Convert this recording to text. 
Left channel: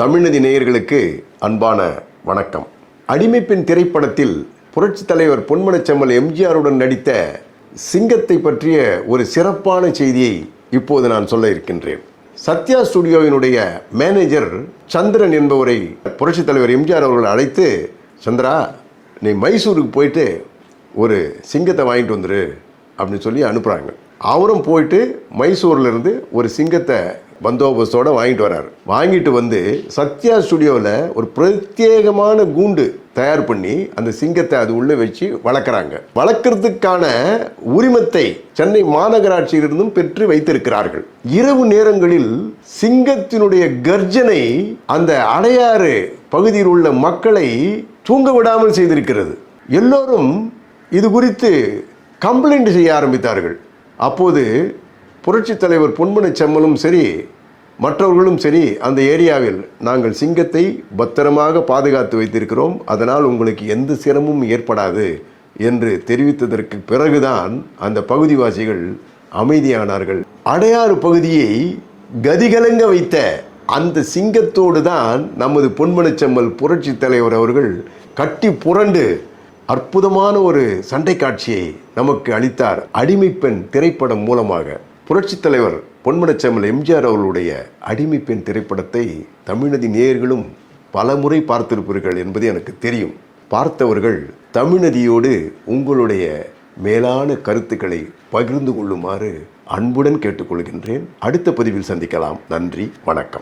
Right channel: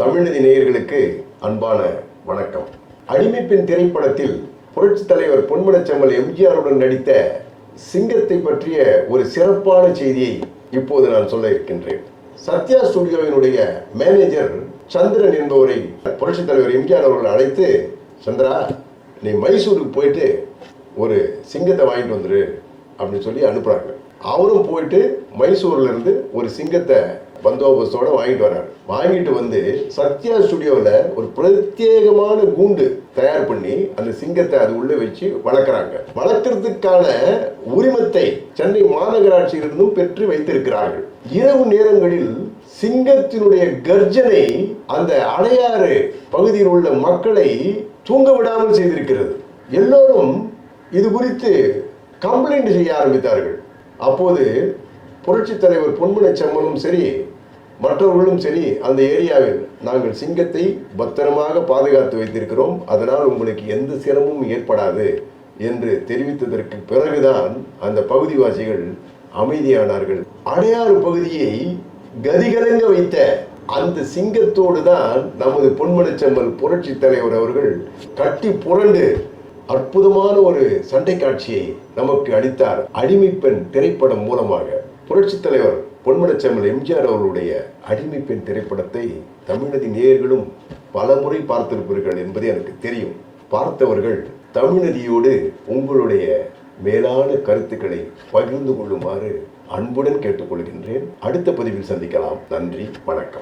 தமிழ்நதி நேயர்களுக்கு அன்பான வணக்கம். அடிமைப்பின் திரைப்படத்தில் புரட்சித் தலைவர் பொன்மனச்செம்மல் எம்ஜிஆருடன் நடித்த சிங்கத்தை பற்றிய ஒரு சிறப்பான செய்தியை இப்போது நான் சொல்ல இருக்கின்றேன். சத்யா ஸ்டுடியோவினுடைய மேனேஜர் சந்திரன் என்பவரை புரட்சித் தலைவர் எம்ஜிஆர் அவர்கள் அழைத்து சந்திரா நீ மைசூருக்கு போயிட்டு ஒரு சிங்கத்தை வாங்கிட்டு வந்துரு அப்படின்னு சொல்லி அனுப்புகிறாங்க அவரும் போயிட்டு மைசூர்லேருந்து ஒரு சிங்கத்தை பந்தோபஸ்தோடு வாங்கிட்டு வராரு. வாங்கிட்டு வந்து சத்யா ஸ்டுடியோவில் ஒரு பிரத்யேகமான கூண்டு தயார் பண்ணி அந்த சிங்கத்தை அது உள்ளே வச்சு வளர்க்குறாங்க. வளர்க்குறதுக்கான உரிமத்தை சென்னை மாநகராட்சியிலிருந்தும் பெற்று வைத்திருக்கிறார்கள். இரவு நேரங்களில் சிங்கத்தினுடைய கர்ஜனை அந்த அடையாறு பகுதியில் உள்ள மக்களை தூங்க விடாமல் செய்திருக்கிறது. எல்லோரும் இது குறித்து கம்ப்ளைண்ட் செய்ய ஆரம்பித்தார்கள். அப்போது புரட்சி தலைவர் பொன்முனை செம்மலும் சரி மற்றவர்களும் சரி அந்த ஏரியாவில் நாங்கள் சிங்கத்தை பத்திரமாக பாதுகாத்து வைத்திருக்கிறோம். அதனால் உங்களுக்கு எந்த சிரமமும் ஏற்படாது என்று தெரிவித்ததற்கு பிறகுதான் அந்த பகுதிவாசிகள் அமைதியானார்கள். அடையாறு பகுதியை கதிகலங்க வைத்த அந்த சிங்கத்தோடு தான் நமது பொன்மனச்செம்மல் புரட்சி தலைவர் அவர்கள் கட்டி புரண்டு அற்புதமான ஒரு சண்டை காட்சியை நமக்கு அளித்தார். அடிமைப்பெண் திரைப்படம் மூலமாக. புரட்சித் தலைவர் பொன்மனச்செம்மல் எம்ஜிஆர் அவர்களுடைய அடிமைப்பெண் திரைப்படத்தை தமிழ்நதி நேயர்களும் பல முறை பார்த்திருப்பீர்கள் என்பது எனக்கு தெரியும். பார்த்தவர்கள் தமிழ்நதியோடு உங்களுடைய மேலான கருத்துக்களை பகிர்ந்து கொள்ளுமாறு அன்புடன் கேட்டுக்கொள்கின்றேன். அடுத்த பதிவில் சந்திக்கலாம். நன்றி. வணக்கம்.